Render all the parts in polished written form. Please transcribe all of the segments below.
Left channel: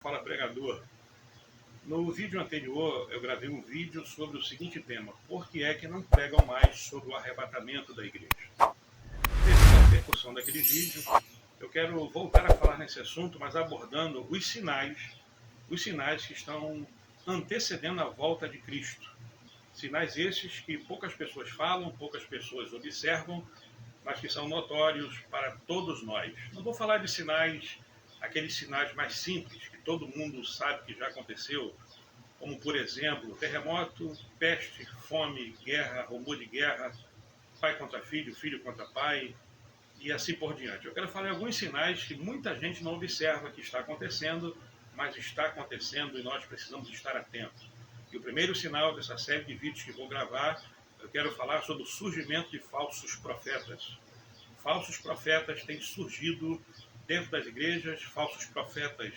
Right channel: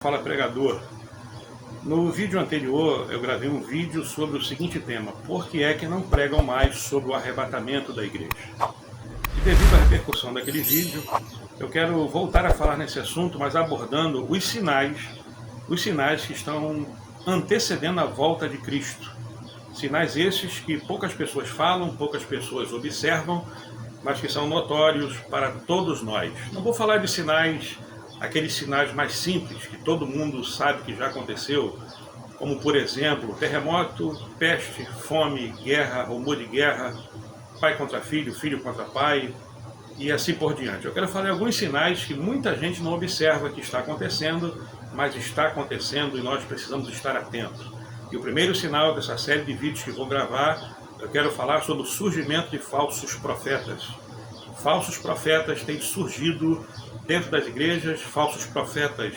Fala Pregador. No vídeo anterior eu gravei um vídeo sobre o seguinte tema: por que é que não pregam mais sobre o arrebatamento da igreja? E devido à repercussão daquele vídeo, eu quero voltar a falar nesse assunto, mas abordando os sinais que estão antecedendo a volta de Cristo. Sinais esses que poucas pessoas falam, poucas pessoas observam, mas que são notórios para todos nós. Não vou falar de sinais, aqueles sinais mais simples, que todo mundo sabe que já aconteceu, como por exemplo, terremoto, peste, fome, guerra, rumor de guerra, pai contra filho, filho contra pai, e assim por diante. Eu quero falar de alguns sinais que muita gente não observa que está acontecendo, mas está acontecendo e nós precisamos estar atentos. E o primeiro sinal dessa série de vídeos que vou gravar, eu quero falar sobre o surgimento de falsos profetas. Falsos profetas têm surgido dentro das igrejas, falsos profetas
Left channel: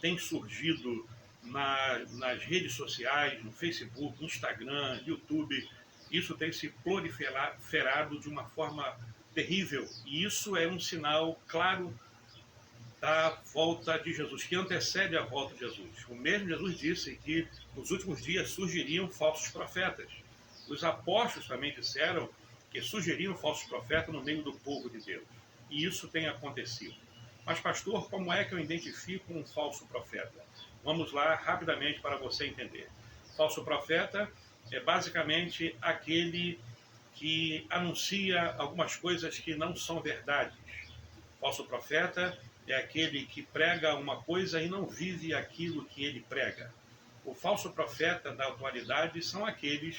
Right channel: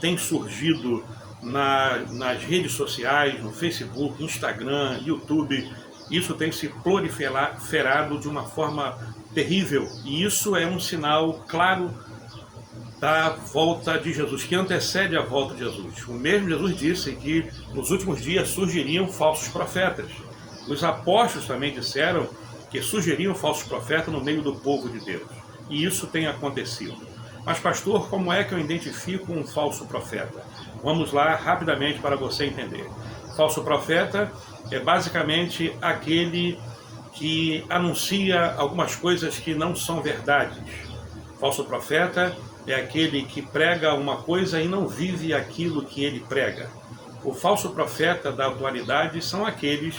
têm surgido nas redes sociais, no Facebook, Instagram, YouTube. Isso tem se proliferado de uma forma terrível, e isso é um sinal claro da volta de Jesus, que antecede a volta de Jesus. O mesmo Jesus disse que nos últimos dias surgiriam falsos profetas. Os apóstolos também disseram que surgiriam falsos profetas no meio do povo de Deus. E isso tem acontecido. Mas pastor, como é que eu identifico um falso profeta? Vamos lá rapidamente para você entender. Falso profeta é basicamente aquele que anuncia algumas coisas que não são verdades. Falso profeta é aquele que prega uma coisa e não vive aquilo que ele prega. O falso profeta da atualidade são aqueles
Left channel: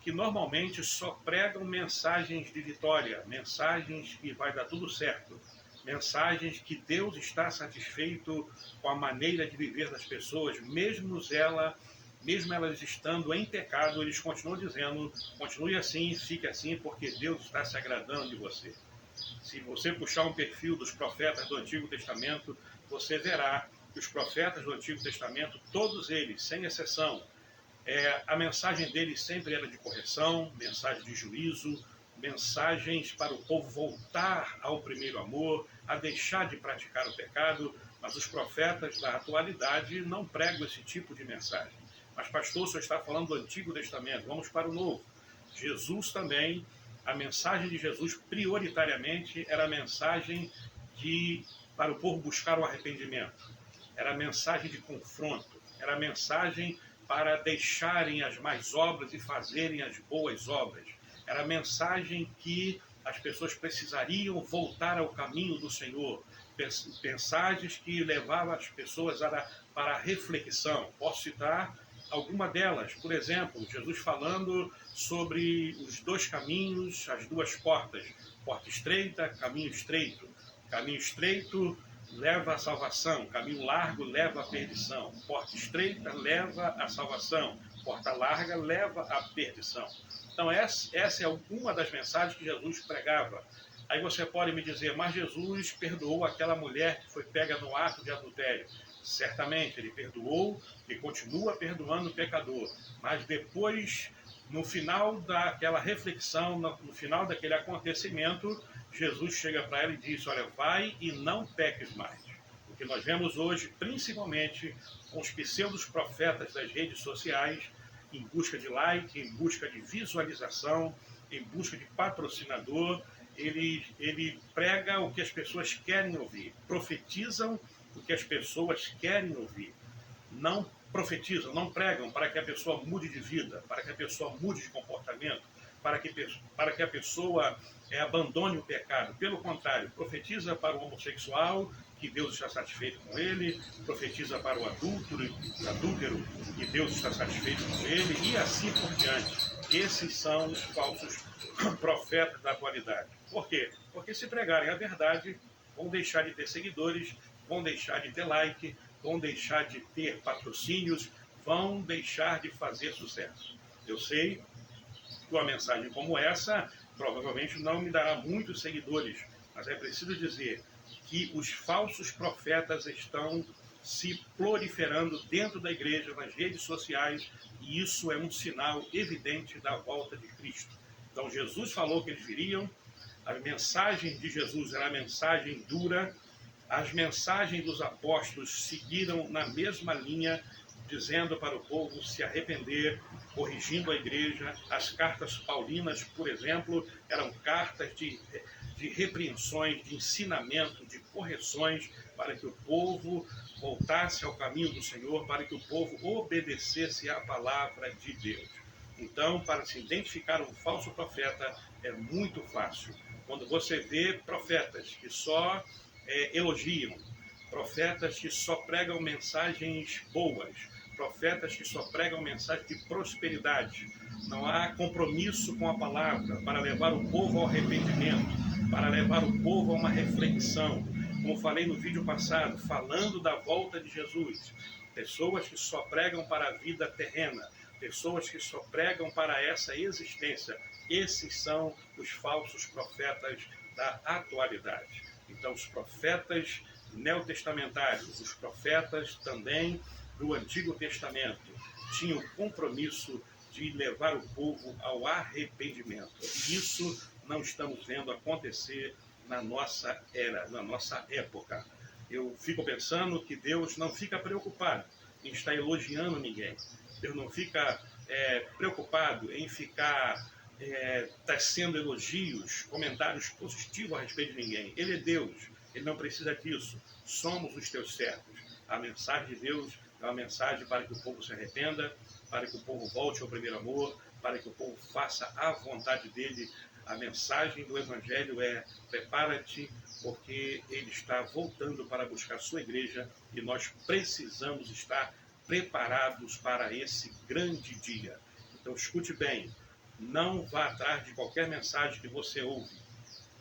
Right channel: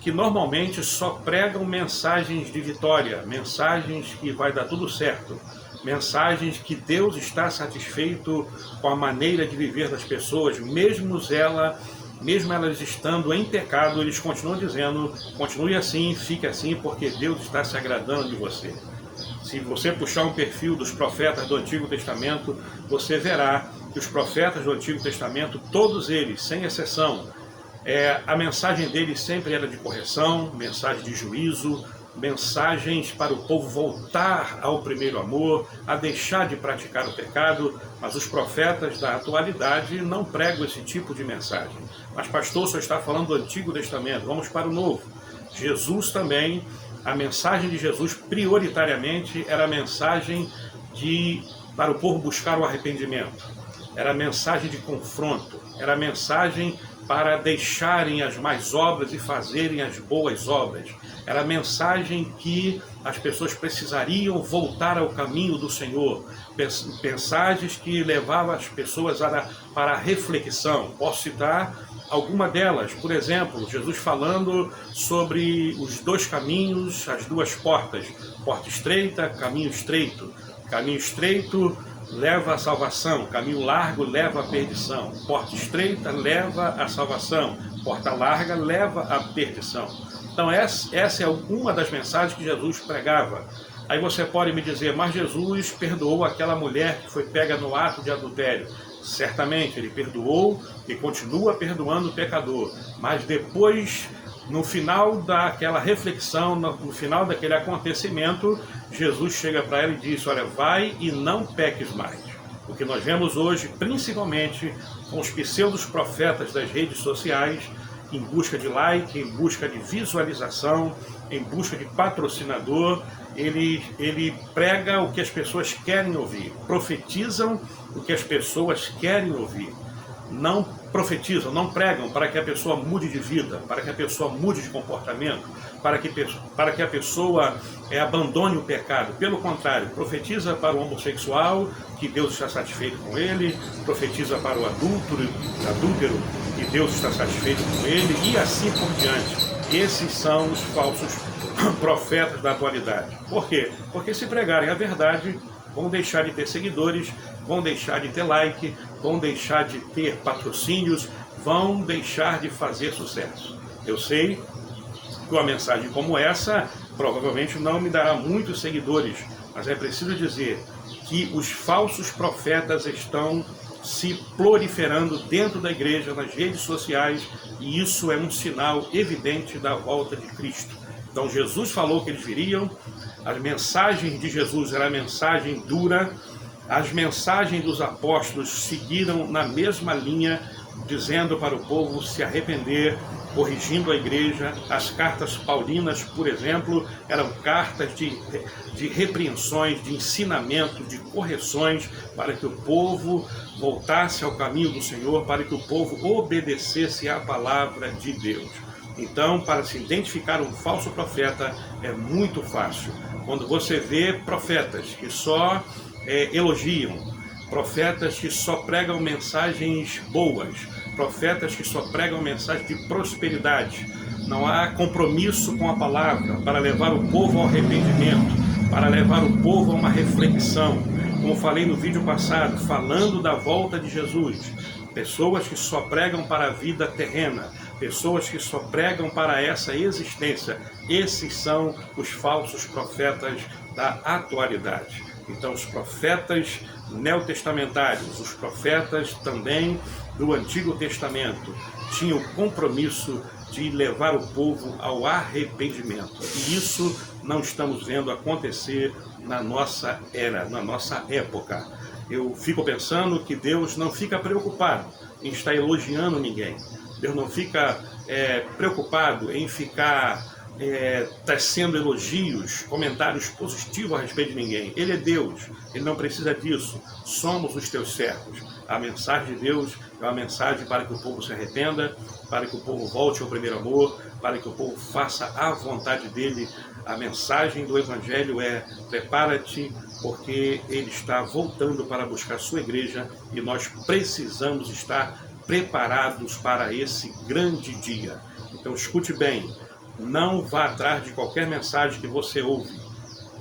que normalmente só pregam mensagens de vitória, mensagens que vai dar tudo certo, mensagens que Deus está satisfeito com a maneira de viver das pessoas, mesmo elas estando em pecado, eles continuam dizendo: continue assim, fique assim, porque Deus está se agradando de você. Se você puxar um perfil dos profetas do Antigo Testamento, você verá que os profetas do Antigo Testamento, todos eles, sem exceção, a mensagem deles sempre era de correção, mensagem de juízo, mensagens para o povo voltar ao primeiro amor, a deixar de praticar o pecado. Mas os profetas da atualidade não pregam esse tipo de mensagem. Mas pastor, só está falando do Antigo Testamento, vamos para o Novo. Jesus também, a mensagem de Jesus prioritariamente era a mensagem para o povo buscar o arrependimento, era a mensagem de confronto, era a mensagem para deixarem as más obras e fazerem as boas obras. Era a mensagem que as pessoas precisariam voltar ao caminho do Senhor. Mensagens que levavam as pessoas para a reflexão. Posso citar alguma delas. Por exemplo, Jesus falando sobre os dois caminhos, as duas portas. Porta estreita, caminho estreito. Caminho estreito leva à salvação, caminho largo leva à perdição. Porta estreita leva à salvação, porta larga leva à perdição. Então essa é uma das mensagens que Jesus pregava. Aí você pode me dizer: mas Jesus perdoou aquela mulher que foi pega no ato de adultério. Certamente ele perdoou e continua perdoando o pecador, mas depois, no final daquela reflexão, no final daquele acontecimento, Jesus chega para ela e diz: olha, vai e não peques mais. O que nós vemos hoje, principalmente com os pseudos profetas das redes sociais, em busca de like, em busca de visualização, em busca de patrocinador, ele prega o que as pessoas querem ouvir, profetizam o que as pessoas querem ouvir. Não profetizam, não pregam para que a pessoa mude de vida, para que a pessoa mude de comportamento, para que a pessoa abandone o pecado. Pelo contrário, profetiza para o homossexual que Deus está satisfeito com ele, profetiza para o adúltero que Deus está satisfeito com ele, e assim por diante. Esses são os falsos profetas da atualidade. Por quê? Porque se pregarem a verdade, vão deixar de ter seguidores, vão deixar de ter like, vão deixar de ter patrocínios, vão deixar de fazer sucesso. Eu sei que uma mensagem como essa provavelmente não me dará muitos seguidores, mas é preciso dizer que os falsos profetas estão se proliferando dentro da igreja, nas redes sociais, e isso é um sinal evidente da volta de Cristo. Então Jesus falou que eles viriam, as mensagens de Jesus era mensagem dura, As mensagens dos apóstolos seguiram na mesma linha, dizendo para o povo se arrepender, corrigindo a igreja. As cartas paulinas, por exemplo, eram cartas de repreensões, de ensinamento, de correções, para que o povo voltasse ao caminho do Senhor, para que o povo obedecesse à palavra de Deus. Então, para se identificar um falso profeta é muito fácil. Quando você vê profetas que só elogiam, profetas que só pregam mensagens boas, profetas que só pregam mensagens de prosperidade, não há compromisso com a palavra para levar o povo ao arrependimento, para levar o povo a uma reflexão. Como falei no vídeo passado, falando da volta de Jesus, pessoas que só pregam para a vida terrena, pessoas que só pregam para essa existência, esses são os falsos profetas da atualidade. Então, os profetas neotestamentários, os profetas também do Antigo Testamento, tinham o compromisso de levar o povo ao arrependimento. E isso não estamos vendo acontecer na nossa era, na nossa época. Eu fico pensando que Deus não fica preocupado em estar elogiando ninguém. Deus não fica preocupado em ficar tecendo elogios, comentários positivos a respeito de ninguém. Ele é Deus, Ele não precisa disso. Somos os teus servos. A mensagem de Deus é uma mensagem para que o povo se arrependa, para que o povo volte ao primeiro amor, para que o povo faça a vontade dEle. A mensagem do Evangelho é: prepara-te, porque Ele está voltando para buscar a sua igreja e nós precisamos estar preparados para esse grande dia. Então escute bem, não vá atrás de qualquer mensagem que você ouve.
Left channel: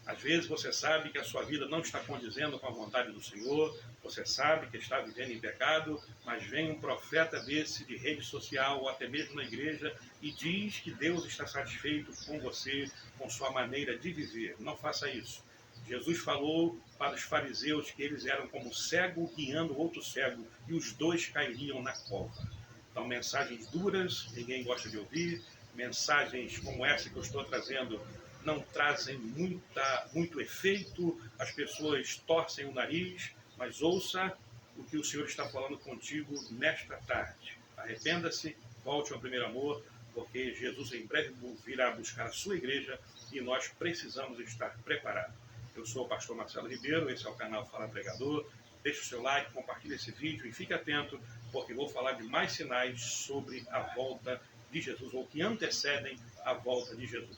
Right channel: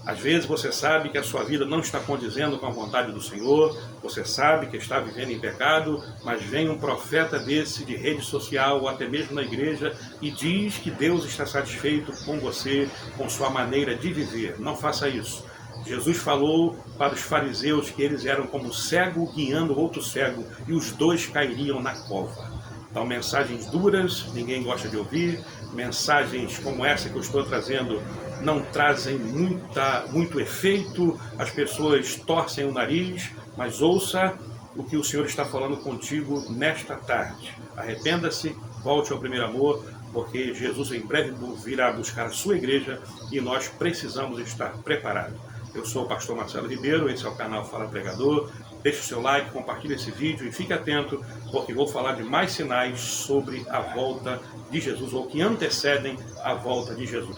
Às vezes você sabe que a sua vida não está condizendo com a vontade do Senhor, você sabe que está vivendo em pecado, mas vem um profeta desse de rede social ou até mesmo na igreja e diz que Deus está satisfeito com você, com sua maneira de viver. Não faça isso. Jesus falou para os fariseus que eles eram como cego guiando outro cego e os dois cairiam na cova. Então, mensagens duras, ninguém gosta de ouvir. Mensagens como essa que eu estou trazendo não trazem muito efeito, as pessoas torcem o nariz, mas ouça o que o Senhor está falando contigo nesta tarde. Arrependa-se, volte ao primeiro amor, porque Jesus em breve virá buscar a sua igreja e nós precisamos estar preparados. Eu sou o pastor Marcelo Ribeiro, esse é o canal Fala Pregador. Deixe o seu like, compartilhe esse vídeo e fique atento, porque vou falar de mais sinais sobre a volta de Jesus, ou que antecedem a volta de Jesus.